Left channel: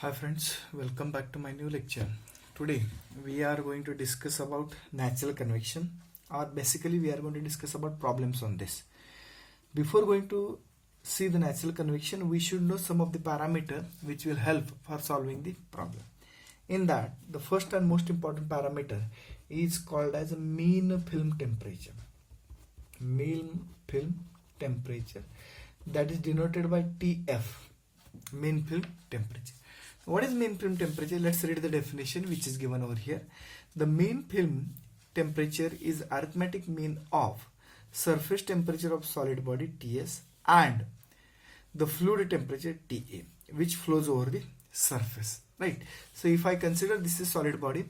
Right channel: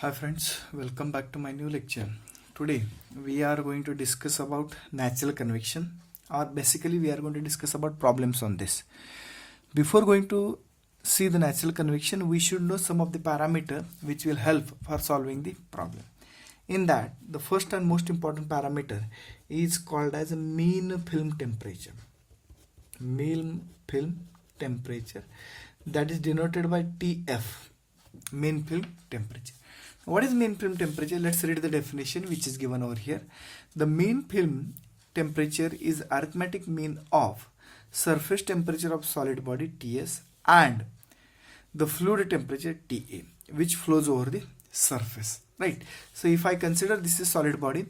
Hi friends, welcome back to my new lecture. Today we are going to discuss about natural convection, or basically we are going to discuss about problems on this. Before going to see the natural convection, we should know some of the parameter which will help for solving the problem. In that, the first and most important parameter is called as a mean film temperature. Mean film temperature, that is denoted by TF, mean film temperature. What is mean film temperature? Let's read the definition which is given over here. The mean film temperature is arithmetic mean of surface temperature of solid body Ts and the fluid temperature Ta, which flows over the surface, right? So if I consider this is solid body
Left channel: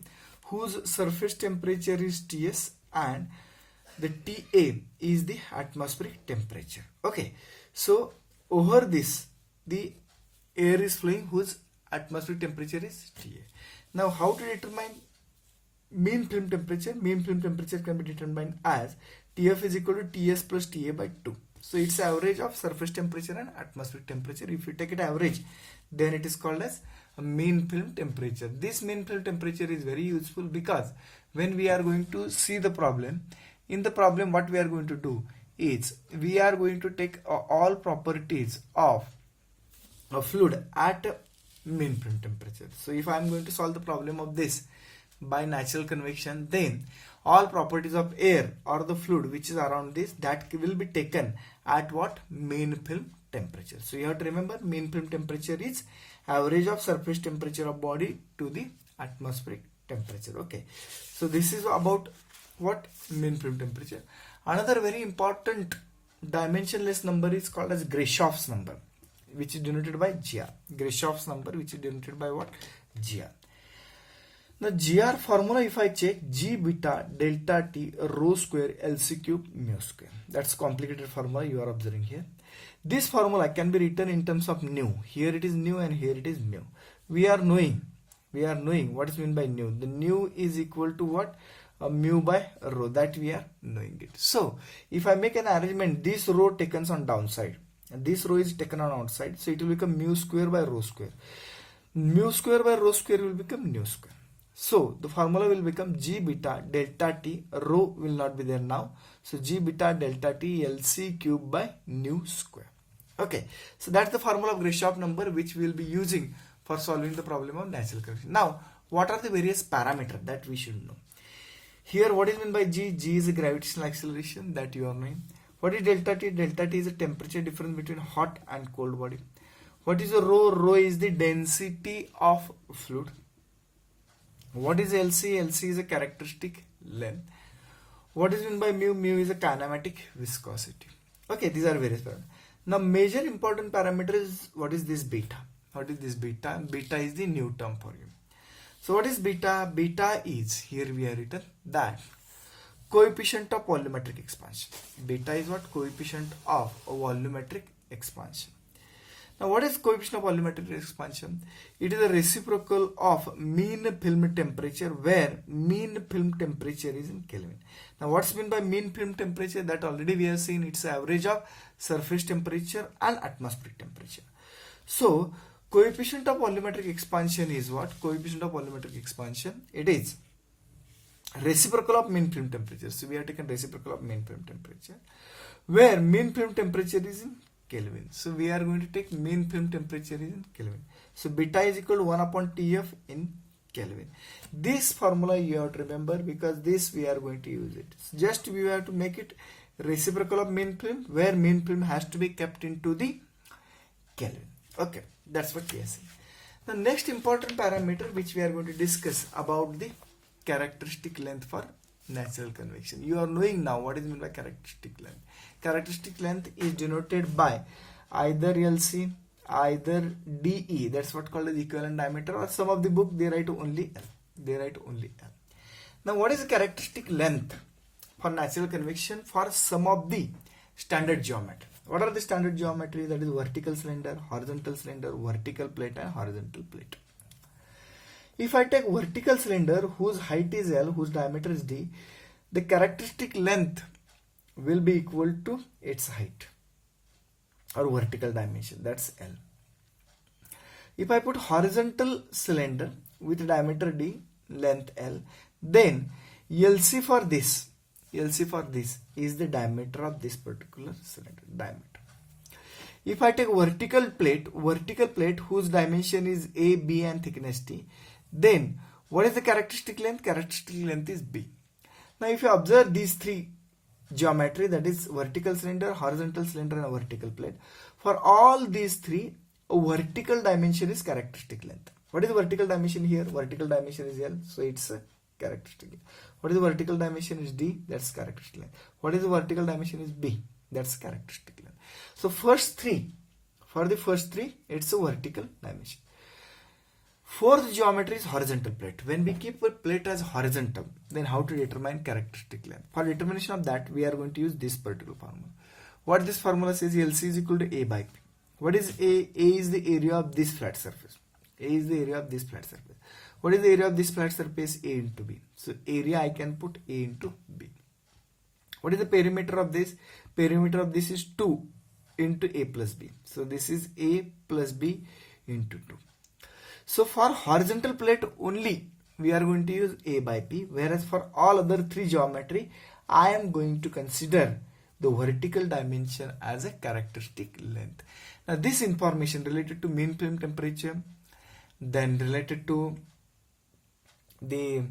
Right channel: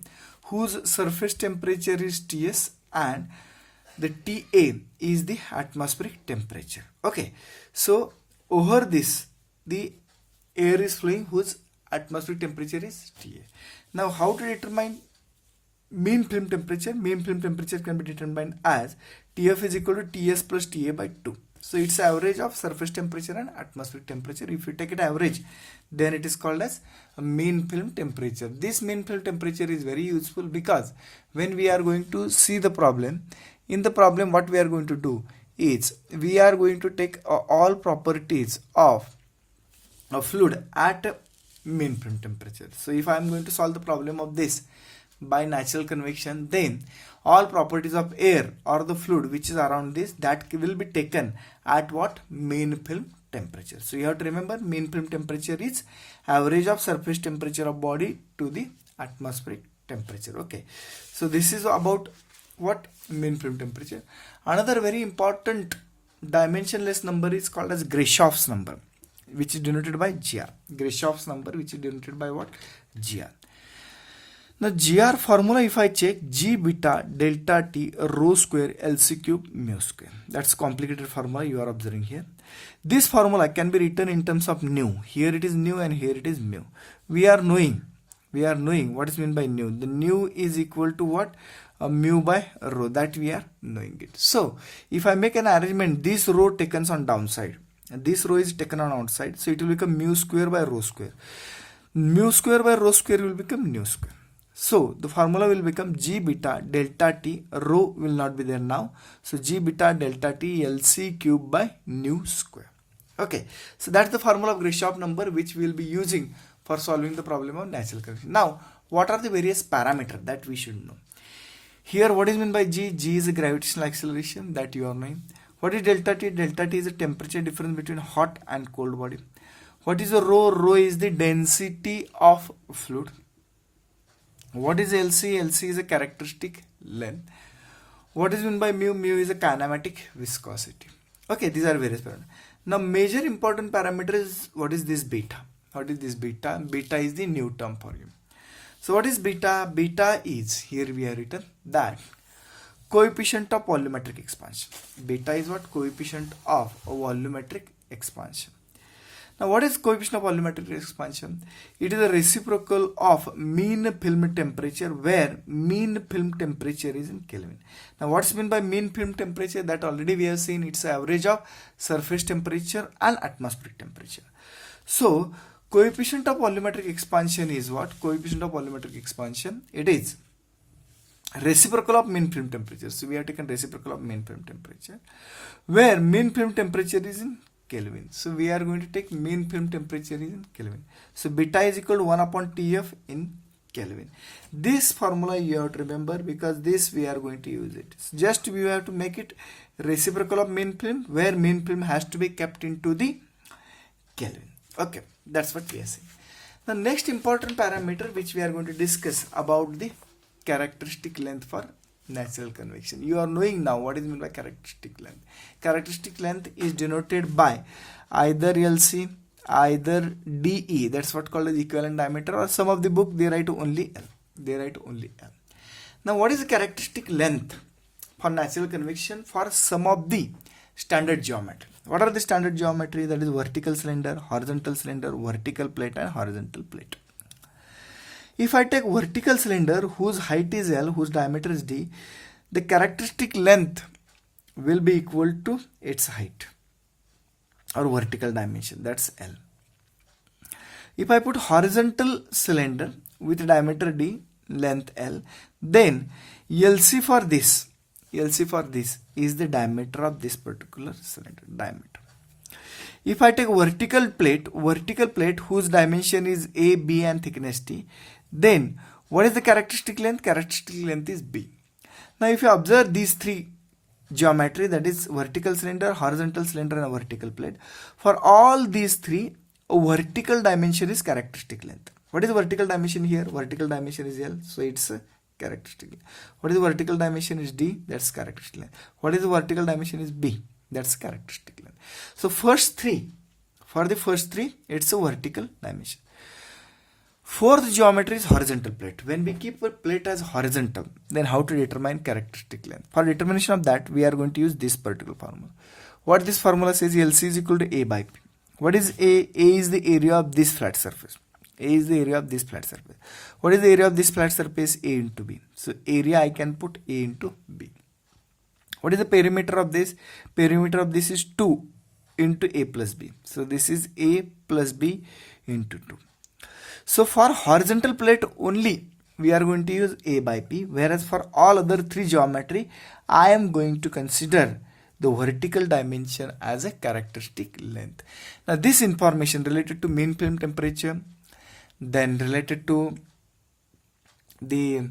whose surface temperature is Ts and the Ta is the atmospheric temperature. Okay, so over this the air is flowing whose atmospheric temperature is Ta. Now how to determine mean film temperature? Mean film temperature can be determined as Tf is equal to Ts plus Ta by 2. So it's average of surface temperature and atmospheric temperature. If you take it average, then it is called as a mean film temperature. This mean film temperature is very useful because when we are going to see the problem, in the problem what we are going to do is we are going to take all properties of a fluid at mean film temperature. So if I am going to solve the problem of this by natural convection, then all properties of air or the fluid which is around this, that will be taken at what? Mean film temperature. So you have to remember mean film temperature is average of surface temperature of body to the atmospheric temperature. Okay, so this is about what? Mean film temperature. Another very important dimensionless number is called as Greshoff's number, which is denoted by GR. Greshoff's number, which is denoted by what? GR. Now GR formula, if I check, G beta delta T rho square LC cube mu square. That's complicated formula you are observing here. This formula can be written in terms of nu. Here it is nu and here it is mu. We are knowing what is meant by nu. The nu is equal to what? Mu by rho, that we are knowing it. So if I make an arrangement, this rho taken on downside, this rho is taken on outside, so it will become mu square by rho square. Mu square by rho square will become nu square. So the formula will become G beta delta T, rho will not be there now, so G beta delta T LC cube by nu square. Okay, so that's the formula of Greshoff number which we will be using for solving the problem of natural convection. Now what are the various parameters that we should know? Here what is meant by G? G is a gravitational acceleration, that you are knowing. What is delta T? Delta T is the temperature difference between hot and cold body. What is a rho? Rho is the density of fluid. What is LC? LC is a characteristic length. What is meant by mu? Mu is a kinematic viscosity. Okay, these are various parameters. Now major important parameter is what is this beta? What is this beta? Beta is the new term for you. So what is beta? Beta is, here we have written that coefficient of volumetric expansion. Beta is what? Coefficient of a volumetric expansion. Now what is coefficient of volumetric expansion? It is a reciprocal of mean film temperature, where mean film temperature is in Kelvin. Now what's meant by mean film temperature? That already we have seen, it's average of surface temperature and atmospheric temperature. So coefficient of volumetric expansion is what? Coefficient of volumetric expansion, it is reciprocal of mean film temperature. So we have taken reciprocal of mean film temperature, where mean film temperature is in Kelvin. So we are going to take mean film temperature is in Kelvin. So beta is equal to 1 upon Tf in Kelvin. This formula you have to remember, because this we are going to use it. Just we have to make it reciprocal of mean film, where mean film has to be kept into the Kelvin. Okay, that's what we are saying. The next important parameter which we are going to discuss about the characteristic length for natural convection. You are knowing now what is meant by characteristic length. Characteristic length is denoted by either LC, either DE, that's what called as equivalent diameter, or some of the book they write only L. They write only L. Now what is the characteristic length for natural convection for some of the standard geometry? What are the standard geometry? That is vertical cylinder, vertical plate and horizontal plate. If I take vertical cylinder whose height is L, whose diameter is D, the characteristic length will be equal to its height or vertical dimension, that's L. If I put horizontal cylinder with diameter D, length L, then LC for this is the diameter of this particular cylinder, diameter. If I take vertical plate whose dimension is A, B and thickness T, then what is the characteristic length? Characteristic length is B. Now if you observe these three geometry, that is vertical cylinder, horizontal cylinder and a vertical plate, for all these three, a vertical dimension is characteristic length. What is the vertical dimension here? Vertical dimension is L, so it's a characteristic length. What is the vertical dimension is D? That's characteristic length. What is the vertical dimension is B? That's characteristic length. So for the first three, it's a vertical dimension. Fourth geometry is horizontal plate. When we keep a plate as horizontal, then how to determine characteristic length? For determination of that, we are going to use this particular formula. What this formula says, LC is equal to A by P. What is A? A is the area of this flat surface. A is the area of this flat surface. What is the area of this flat surface? A into B. So area I can put A into B. What is the perimeter of this? Perimeter of this is 2 into A plus B. So this is A plus B into 2. So for horizontal plate only, we are going to use A by P, whereas for all other three geometry, I am going to consider the vertical dimension as a characteristic length. Now this information related to mean film temperature, then related to the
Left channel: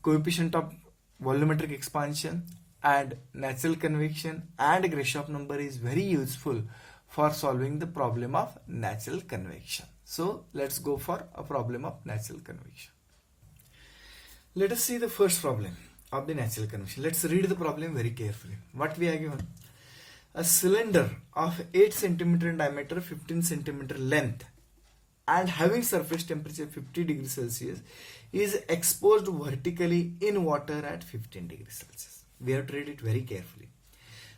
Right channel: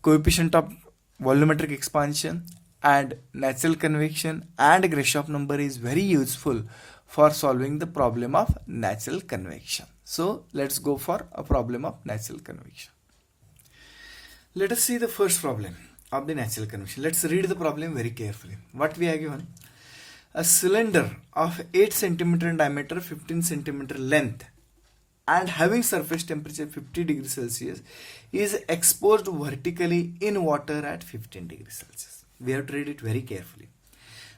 coefficient of volumetric expansion and natural convection and Grashof number is very useful for solving the problem of natural convection. So let's go for a problem of natural convection. Let us see the first problem of the natural convection. Let's read the problem very carefully. What we are given? A cylinder of 8 cm in diameter, 15 cm length and having surface temperature 50 degrees Celsius is exposed vertically in water at 15 degrees Celsius. We have to read it very carefully.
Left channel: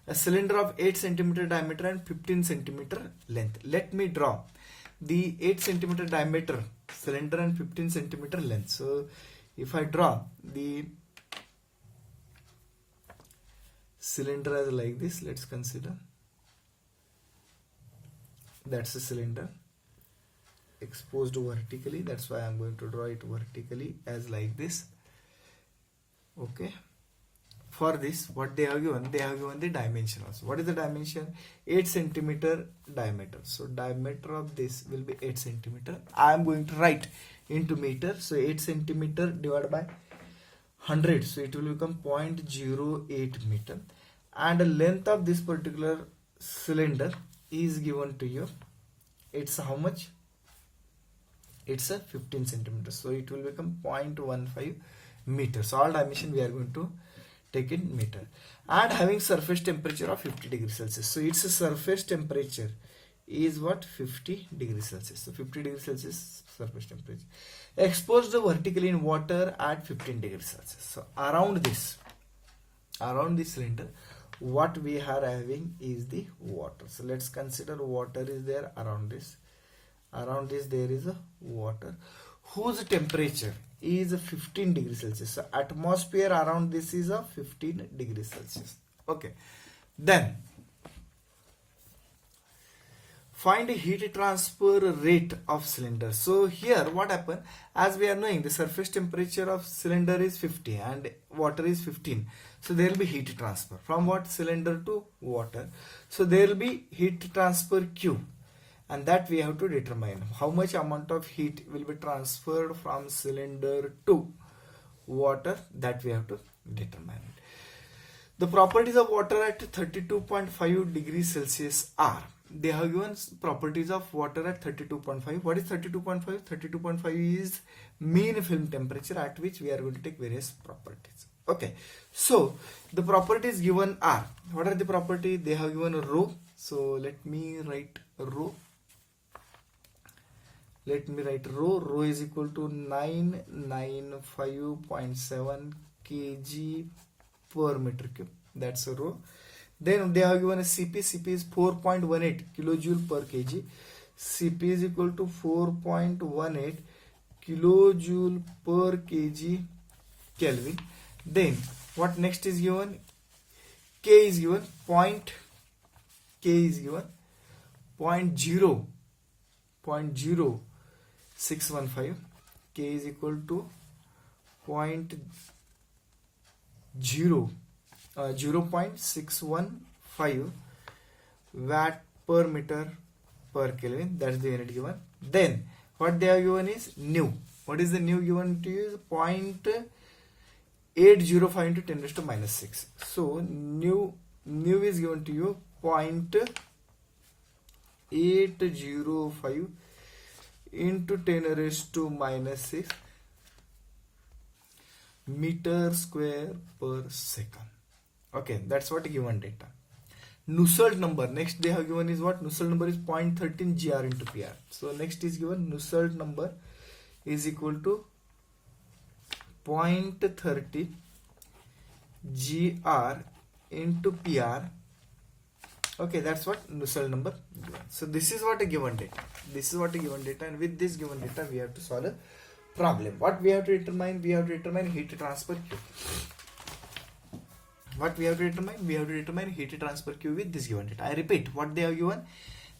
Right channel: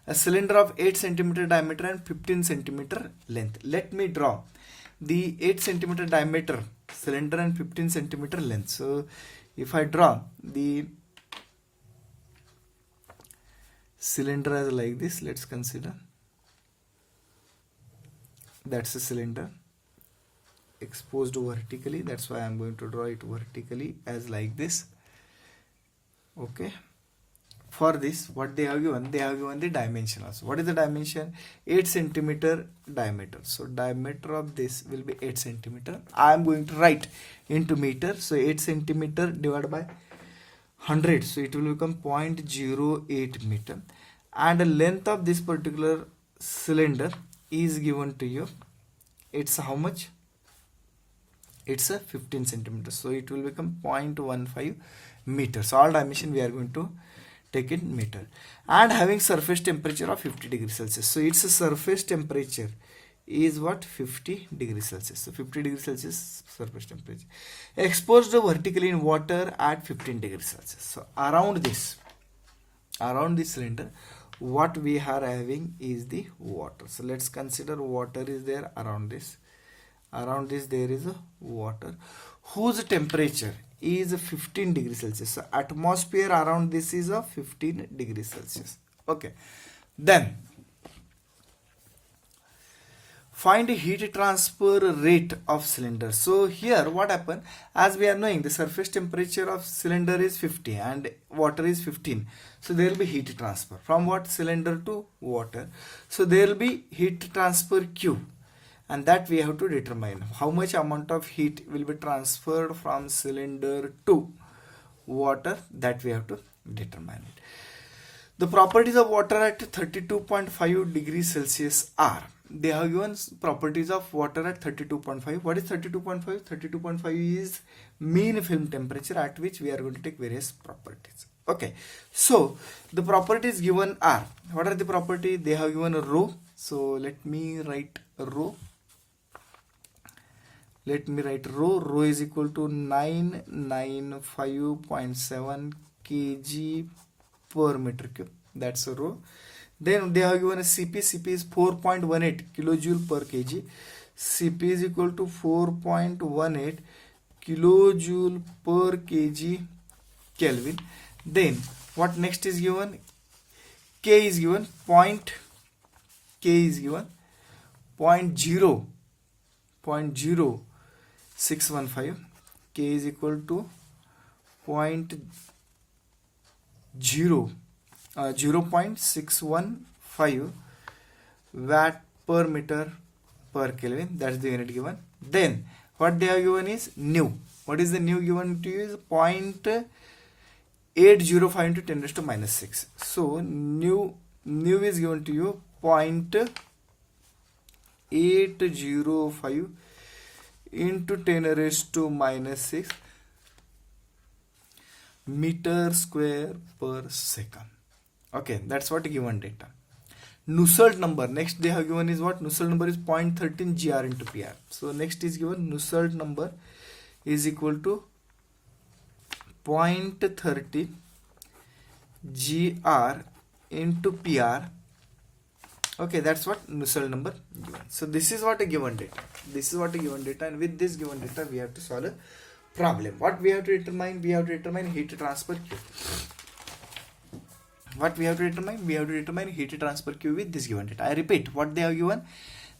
A cylinder of 8 cm diameter and 15 cm length. Let me draw the 8 cm diameter cylinder and 15 cm length. So if I draw the cylinder as like this, let's consider that's a cylinder exposed vertically. That's why I'm going to draw it vertically as like this. Okay. For this, what they have given? They have given the dimension also. What is the dimension? 8 cm diameter. So diameter of this will be 8 cm. I am going to write into meter. So 8 cm divided by 100. So it will become 0.08 meter. And the length of this particular cylinder is given to you. It's how much? It's a 15 centimeters. So it will become 0.15 meters. So all dimension we are going to take in meter. And having surface temperature of 50 degrees Celsius. So its surface temperature is what? 50 degrees Celsius. So 50 degrees Celsius surface temperature. Exposed vertically in water at 15 degrees Celsius. So around this cylinder, what we are having is the water. So let's consider water is there around this. Around this there is a water whose temperature is 15 degrees Celsius. So atmosphere around this is a 15 degrees Celsius. Okay. Then find heat transfer rate of cylinder. So here what happened, as we are knowing the surface temperature of cylinder is 50 and water is 15. So there will be heat transfer from what? Cylinder to water. So there will be heat transfer Q. And that we have to determine how much amount of heat will be transferred from cylinder to water. That we have to determine it. The properties of water at 32.5 degrees Celsius are. They have given properties of water at 32.5. What is 32.5? 32.5 is mean film temperature at which we are going to take various properties. Okay. So the properties given are. What are the properties? They have given a rho. So let me write rho. Let me write rho. Rho is equal to 995.7 kg per meter cube. That's a rho. Then they have given a Cp. Cp is 4.18 kilojoule per kg. Cp is equal to 4.18 kilojoule per kg Kelvin. Then what next is given? K is given 0.0 0.0615, K is equal to 0.615 watt per meter per Kelvin. That's the unit given. Then what they have given is nu. What is the nu given to you is 0.805 into 10 raised to minus 6. So nu is given to you 0.805 into 10 raised to minus 6 meter square per second. Okay, that's what given data. Nusselt number, next they have given is what? Nusselt number is 0.13 GR into PR. So next is given Nusselt number is equal to 0.30 GR into PR. Okay, that's what Nusselt number given. So this is what a given data. This is what a given data, and with this given data we have to solve a problem. What we have to determine? We have to determine heat transfer Q. What we have to determine? We have to determine heat transfer Q with this given data. I repeat, what they have given?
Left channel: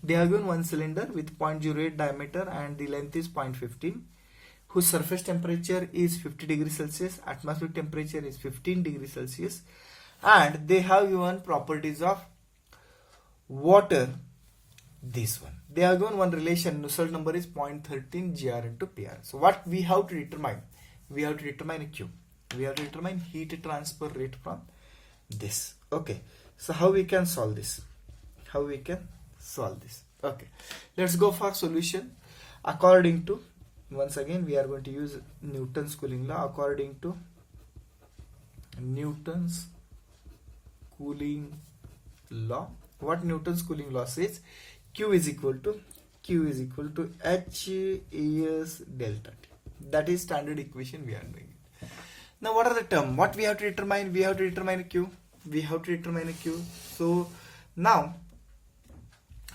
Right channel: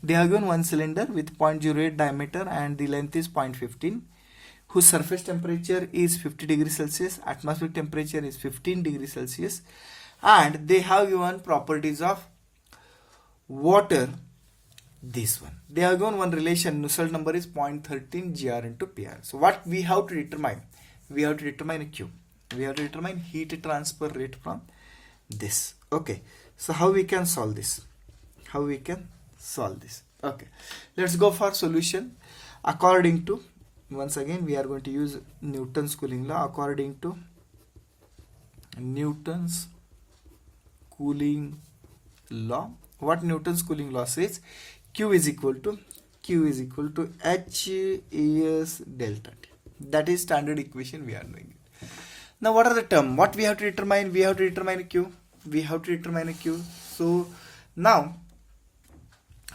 They have given one cylinder with 0.08 diameter and the length is 0.15, whose surface temperature is 50 degrees Celsius, atmospheric temperature is 15 degrees Celsius, and they have given properties of water. This one, they have given one relation. Nusselt number is 0.13 GR into PR. So what we have to determine? We have to determine a Q. We have to determine heat transfer rate from this. Okay, so how we can solve this? How we can solve this? Okay, let's go for solution. According to, once again we are going to use Newton's cooling law. According to Newton's cooling law, what Newton's cooling law says? Q is equal to H AS delta T. That is standard equation we are doing it. Now what are the terms? What we have to determine? We have to determine a Q. We have to determine a Q. So now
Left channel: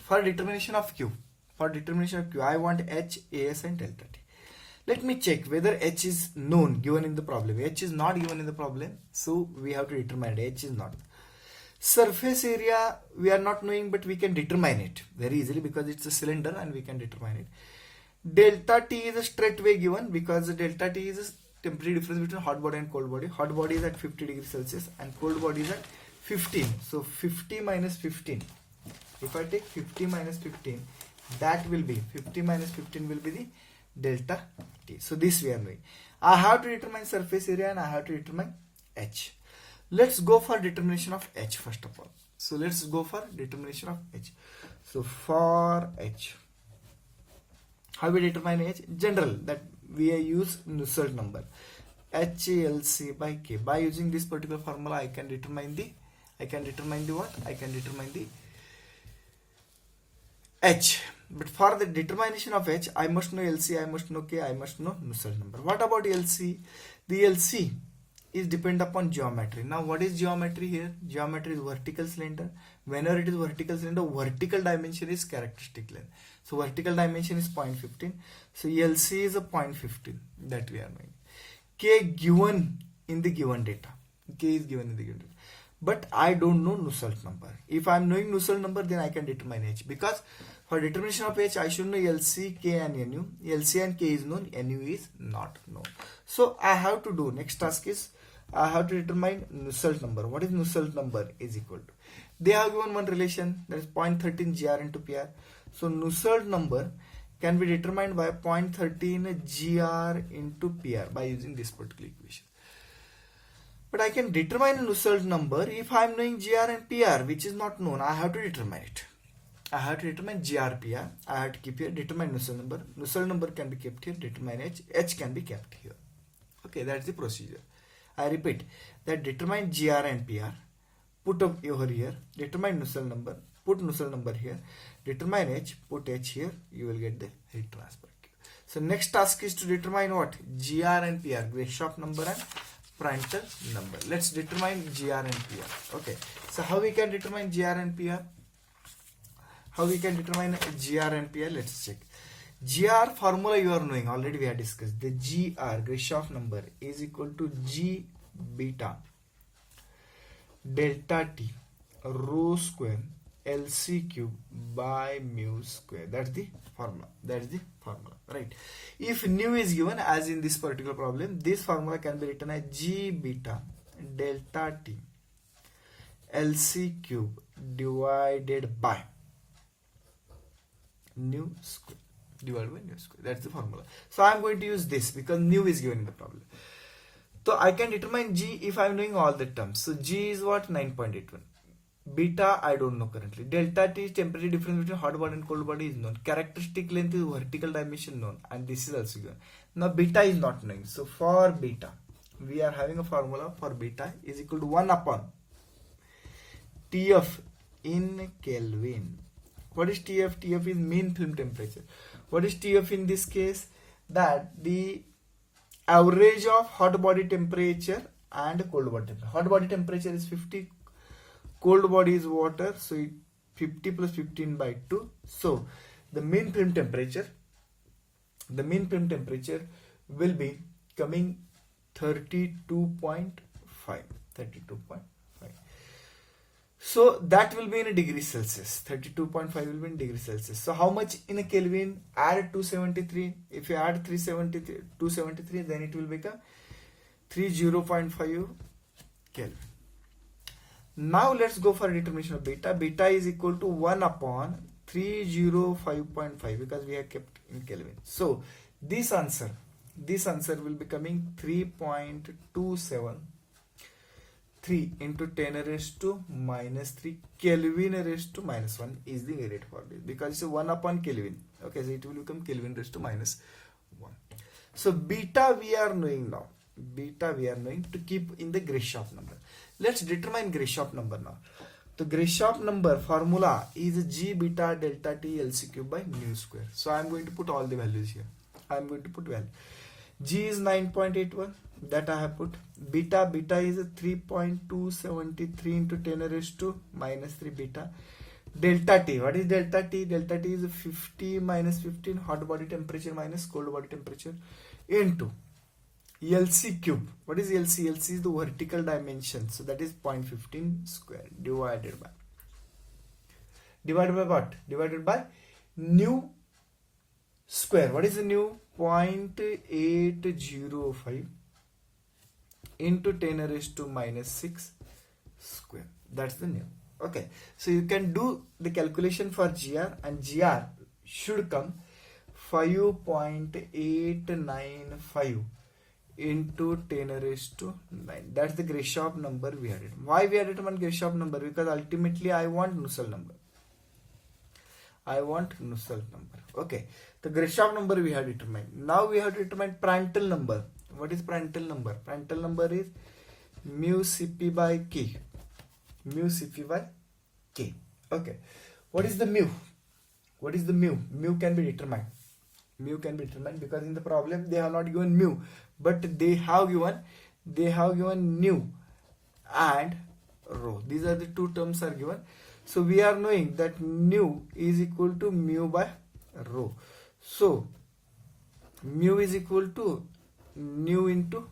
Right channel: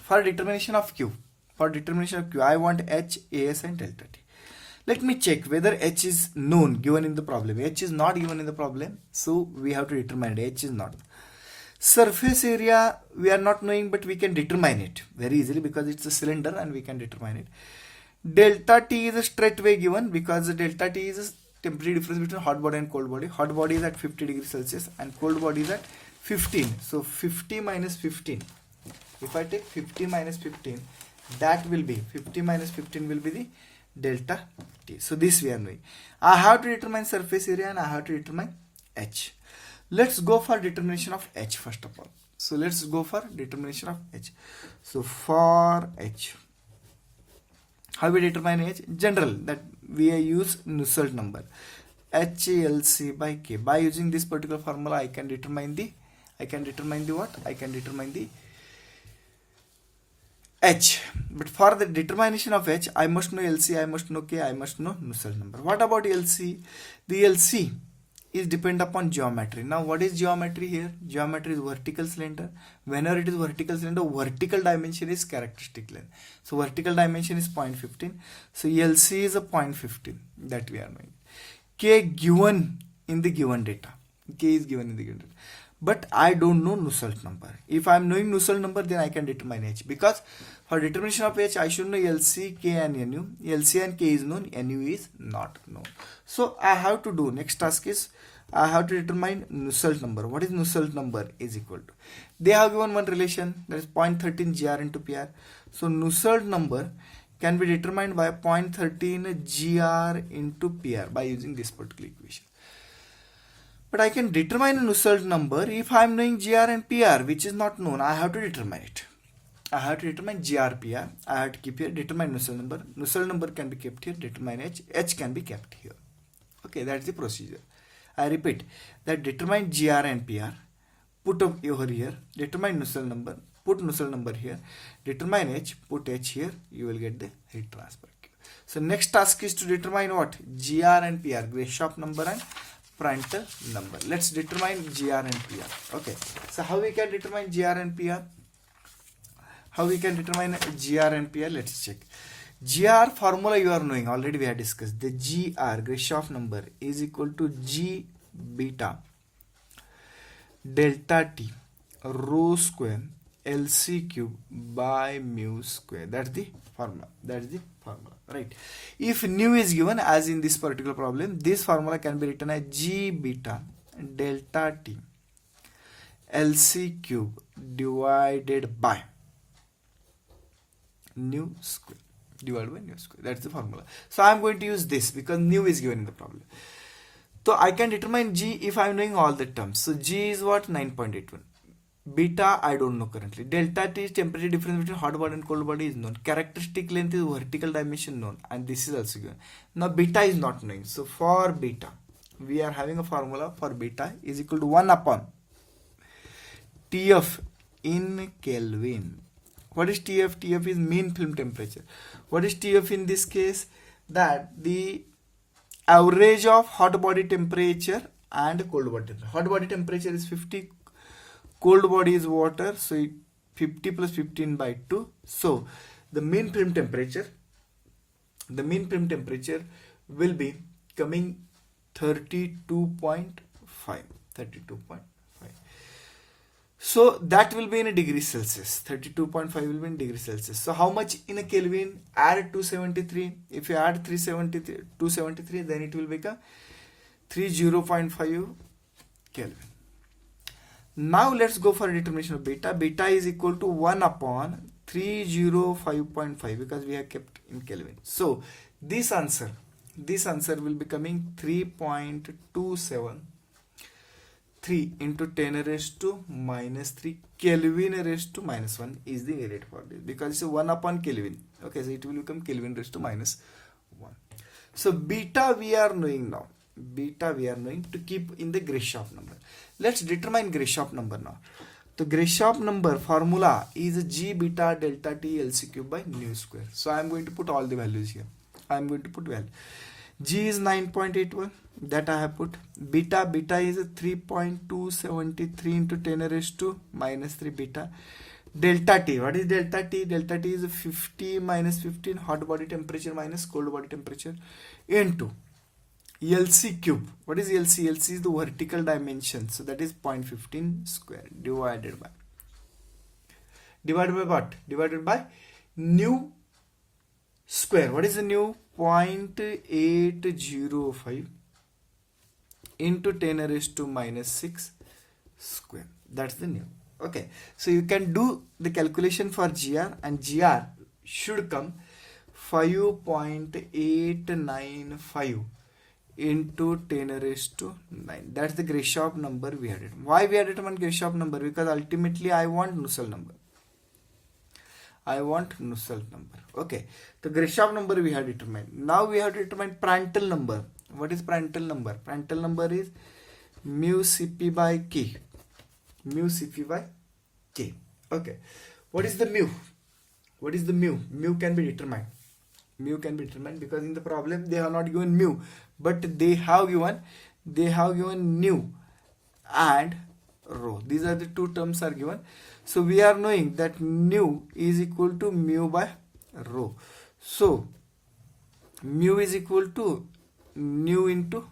for determination of Q, I want H, AS and delta T. Let me check whether H is known given in the problem. H is not given in the problem, so we have to determine it. H is not. Surface area we are not knowing, but we can determine it very easily because it's a cylinder and we can determine it. Delta T is a straightway given because the delta T is a temperature difference between hot body and cold body. Hot body is at 50 degrees Celsius and cold body is at 15. So 50 minus 15. If I take 50 minus 15, that will be 50 minus 15 will be the delta T. So this we are knowing. I have to determine surface area and I have to determine H. Let's go for determination of H first of all. So let's go for determination of H. So for H, how we determine H? General, that we use Nusselt number, HLC by K. By using this particular formula, I can determine the what? I can determine the H. But for the determination of H, I must know LC, I must know K, I must know Nusselt number. What about LC? The LC is depend upon geometry. Now what is geometry here? Geometry is vertical cylinder. Whenever it is vertical cylinder, vertical dimension is characteristic length. So vertical dimension is 0.15. So LC is a 0.15 that we are knowing. K given in the given data. K is given in the given data. But I don't know Nusselt number. If I am knowing Nusselt number, then I can determine H. Because for determination of H, I should know LC, K and NU. LC and K is known, NU is not known. So I have to do, next task is, I have to determine Nusselt number. What is Nusselt number is equal to? They have given one relation, that is 0.13 GR into PR. So Nusselt number can be determined by 0.13 GR into PR by using this particular equation. But I can determine Nusselt number if I am knowing GR and PR, which is not known. I have to determine it. I have to determine GR, PR. I have to keep here, determine Nusselt number. Nusselt number can be kept here, determine H. H can be kept here. Okay, that's the procedure. I repeat that determine GR and PR, put up over here, determine Nusselt number, put Nusselt number here, determine H, put H here, you will get the heat transfer. So next task is to determine what? GR and PR, Grashof number and Prandtl number. Let's determine GR and PR. Okay, so how we can determine GR and PR? How we can determine GR and PR? Let's check. GR formula you are knowing, already we have discussed. The GR, Grashof number, is equal to G beta delta T rho square LC cube by mu square. That's the formula. Right? If nu is given, as in this particular problem, this formula can be written as G beta delta T LC cube divided by nu square. That's the formula. So I am going to use this because nu is given in the problem. So I can determine G if I am knowing all the terms. So G is what? 9.81. Beta I don't know currently. Delta T is temperature difference between hot body and cold body is known. Characteristic length is vertical dimension known, and this is also given. Now beta is not known. So for beta, we are having a formula for beta is equal to 1 upon TF in Kelvin. What is TF? TF is mean film temperature. What is TF in this case? That the average of hot body temperature and cold body temperature. Hot body temperature is 50, cold body is water, so it 50 plus 15 by 2. So the mean film temperature will be coming 32.5. So that will be in a degree Celsius. 32.5 will be in degree Celsius. So how much in a Kelvin? Add 273. If you add 273, then it will become 30.5 Kelvin. Now let's go for a determination of beta. Beta is equal to 1 upon 305.5 because we have kept in Kelvin. So this answer will be coming 3.273 into 10 raised to minus 3 Kelvin raised to minus 1 is the rate for this because it's a 1 upon Kelvin. Okay, so it will become Kelvin raised to minus 1. So beta we are knowing now. Beta we are knowing to keep in the Grashof number. Let's determine Grashof number now. The Grashof number formula is G beta delta T LC cube by nu square. So I am going to put all the values here. I am going to put value. G is 9.81. That I have put. Beta is 3.273 into 10 raised to minus 3 beta. Delta T. What is delta T? Delta T is 50 minus 15 hot body temperature minus cold body temperature into LC cube. What is LC? LC is the vertical dimension. So that is 0.15 square divided by what? Divided by nu square. What is the nu? 0.805 into 10 raised to minus 6 square. That's the nu. Okay. So you can do the calculation for GR, and GR should come 5.895 into 10 raised to 9. That's the Grashof number we had. Why we had determined Grashof number? Because ultimately I want Nusselt number. Okay. The Grashof number we have determined. Now we have to determine Prandtl number. What is Prandtl number? Prandtl number is mu Cp by K. Okay. What is the mu? Mu can be determined. Because in the problem they have not given mu, but they have given nu and rho. These are the two terms are given. So we are knowing that nu is equal to mu by rho. So mu is equal to nu into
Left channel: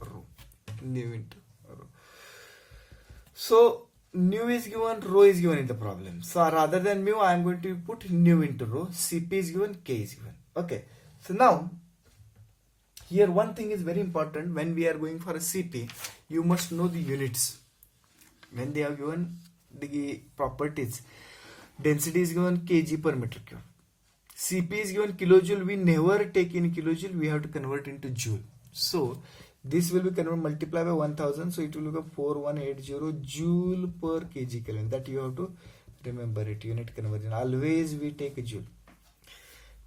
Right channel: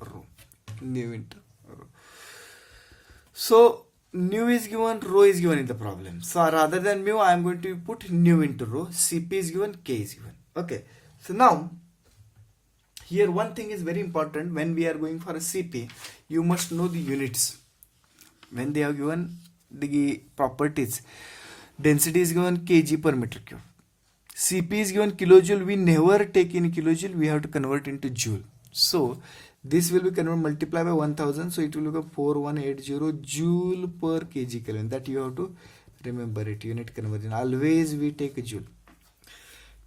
rho. So nu is given, rho is given in the problem. So rather than mu, I am going to put nu into rho. Cp is given, K is given. Okay. So now here one thing is very important. When we are going for a Cp, you must know the units. When they have given the properties, density is given kg per meter cube. Cp is given kilojoule. We never take in kilojoule. We have to convert into joule. So this will be converted, multiplied by 1000. So it will become 4180 joule per kg Kelvin. That you have to remember it. Unit conversion. Always we take a joule.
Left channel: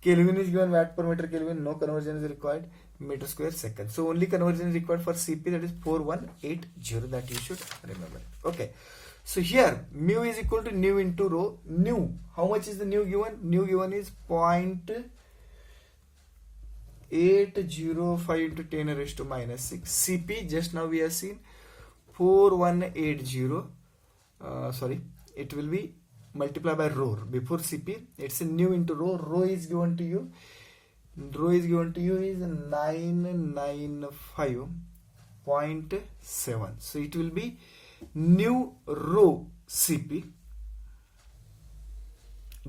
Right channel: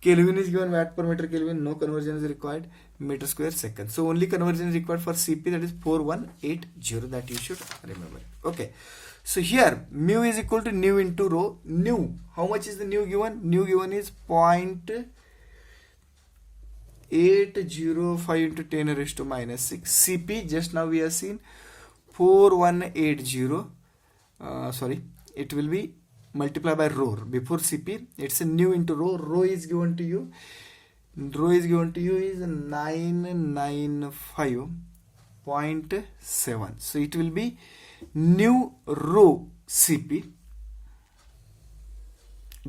Kelvin is given watt per meter Kelvin. No conversion is required. Meter square second. So only conversion is required for Cp. That is 4180. That you should remember. Okay. So here mu is equal to nu into rho. Nu. How much is the nu given? Nu given is 0.805 into 10 raised to minus 6. Cp just now we have seen 4180. It will be multiplied by rho. Before Cp, it's a nu into rho. Rho is given to you. Is 995.7. So it will be nu rho Cp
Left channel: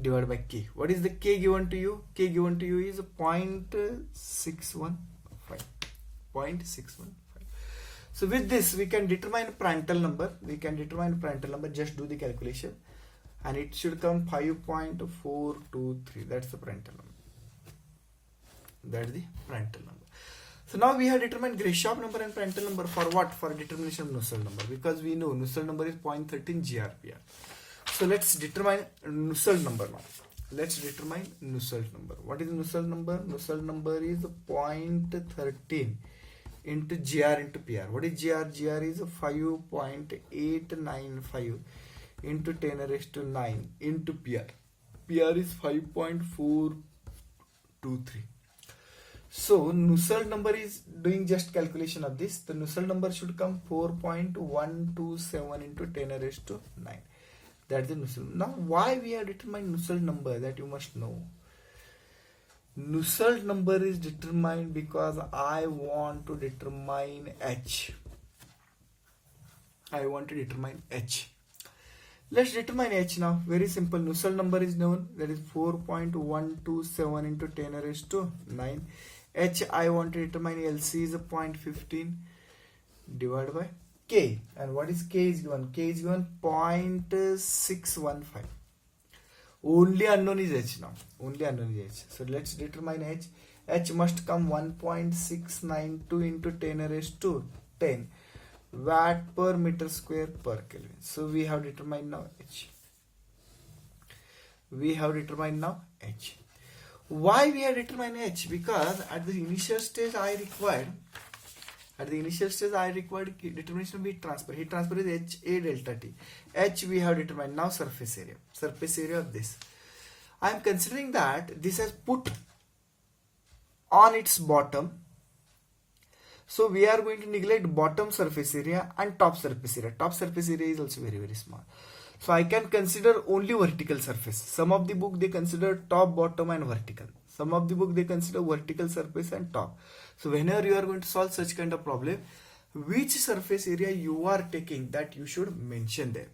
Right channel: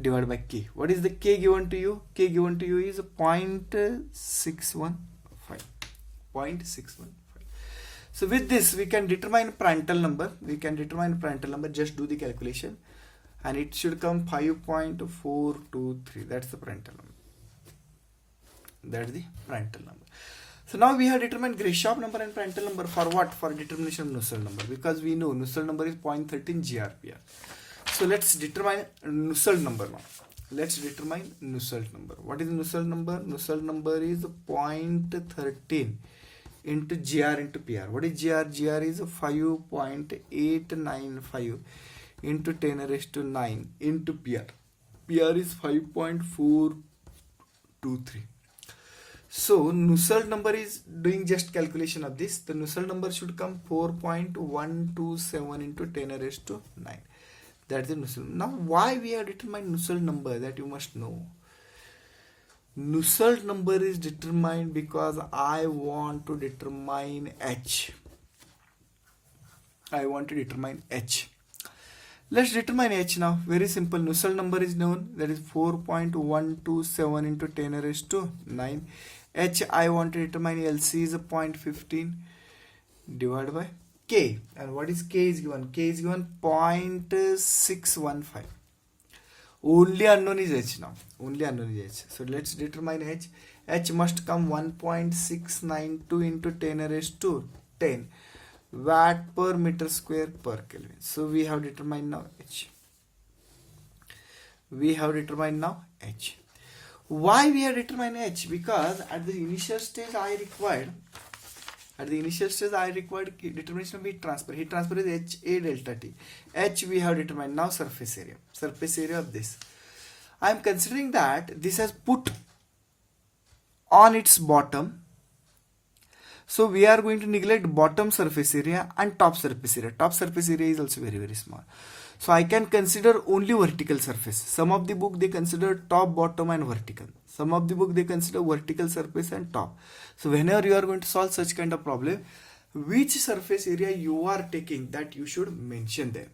divided by k. What is the k given to you? K given to you is 0.615. 0.615. So with this we can determine Prandtl number. Just do the calculation and it should come 5.423. That's the Prandtl number. That's the Prandtl number. So now we have determined Grashof number and Prandtl number for what? For determination of Nusselt number, because we know Nusselt number is 0.13 GRPR. So let's determine Nusselt number now. Let's determine Nusselt number. What is Nusselt number? Nusselt number is 0.13 into GR into PR. What is GR? GR is 5.895 into 10 raised to 9 into PR. PR is 5.423. So Nusselt number is doing just calculation of this. The Nusselt number should come 4.127 into 10 raised to 9. That's the Nusselt. Now why we have determined Nusselt number, that you must know. Nusselt number is determined because I want to determine H. I want to determine H. Let's determine H now. Very simple. Nusselt number is known. That is 4.127 into 10 raised to 9. H I want to determine. LC is 0.15 divided by K. And what is K is given? K is given 0.615. Only unknown is H now. Only unknown is H. So let's determine H. H must come 1.692 into 10 raised to 10 watt per meter square per Kelvin. So we have determined now H. We have determined now H. Why we have determined H? Because at the initial stage I required determination of heat transfer. Heat transfer is HA delta T. H we have determined. Now surface area. Surface area of this. I am considering that this has put on its bottom. So we are going to neglect bottom surface area and top surface area. Top surface area is also very, very small. So I can consider only vertical surface. Some of the book they consider top, bottom and vertical. Some of the book they consider vertical surface and top. So whenever you are going to solve such kind of problem, which surface area you are taking, that you should mention there.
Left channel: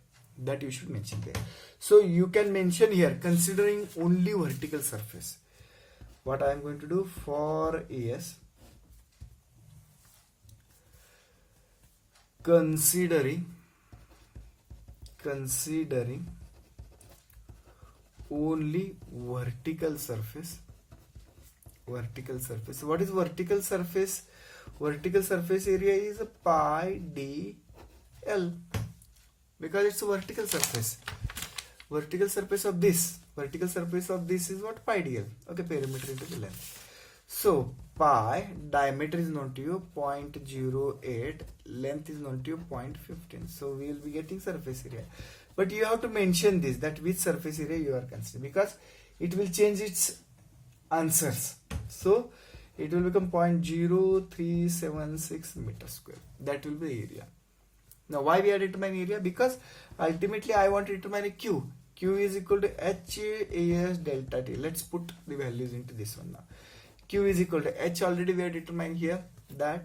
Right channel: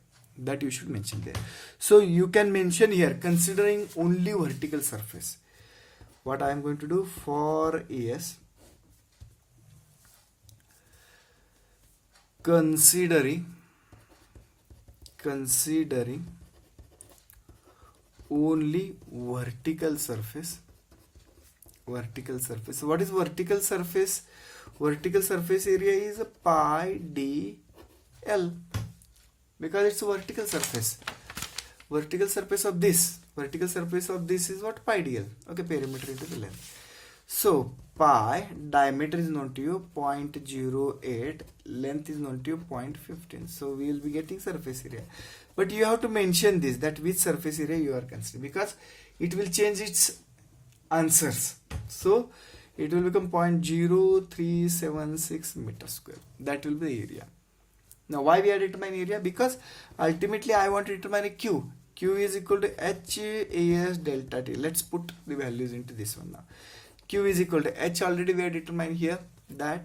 So you can mention here considering only vertical surface. What I am going to do for AS, considering only vertical surface. So what is vertical surface? Vertical surface area is pi dl, because it's a vertical surface. Vertical surface of this is what? Pi dl. Okay, perimeter into the length. So pi, diameter is known to you 0.08, length is known to you 0.15. So we will be getting surface area. But you have to mention this, that which surface area you are considering, because it will change its answers. So it will become 0.0376 meter square. That will be the area. Now why we are determining area? Because ultimately I want to determine a Q. Q is equal to HAS delta T. Let's put the values into this one now. Q is equal to H, already we are determined here, that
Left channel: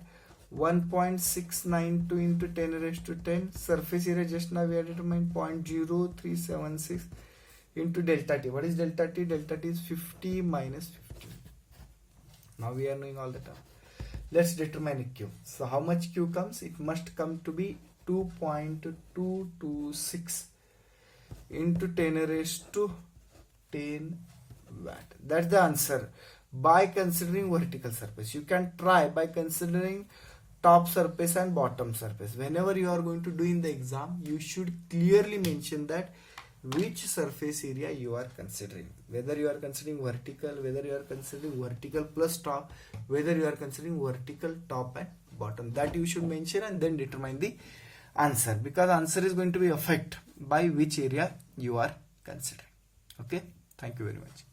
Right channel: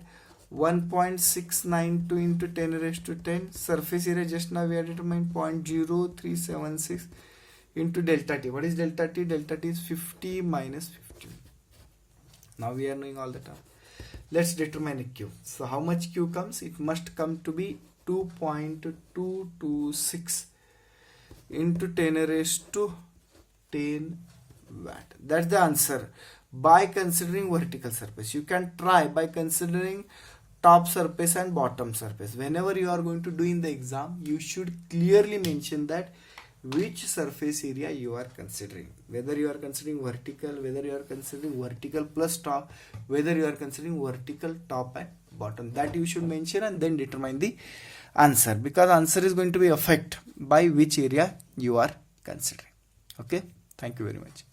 1.692 into 10 raised to 10. Surface area just now we are determined 0.0376 into delta T. What is delta T? Delta T is 50 minus 50. Now we are knowing all the term. Let's determine a Q. So how much Q comes? It must come to be 2.226 into 10 raised to 10 watt. That's the answer. By considering vertical surface, you can try by considering top surface and bottom surface. Whenever you are going to do in the exam, you should clearly mention that which surface area you are considering. Whether you are considering vertical, whether you are considering vertical plus top, whether you are considering vertical top and bottom. That you should mention and then determine the answer, because answer is going to be affected by which area you are considering. Okay, thank you very much.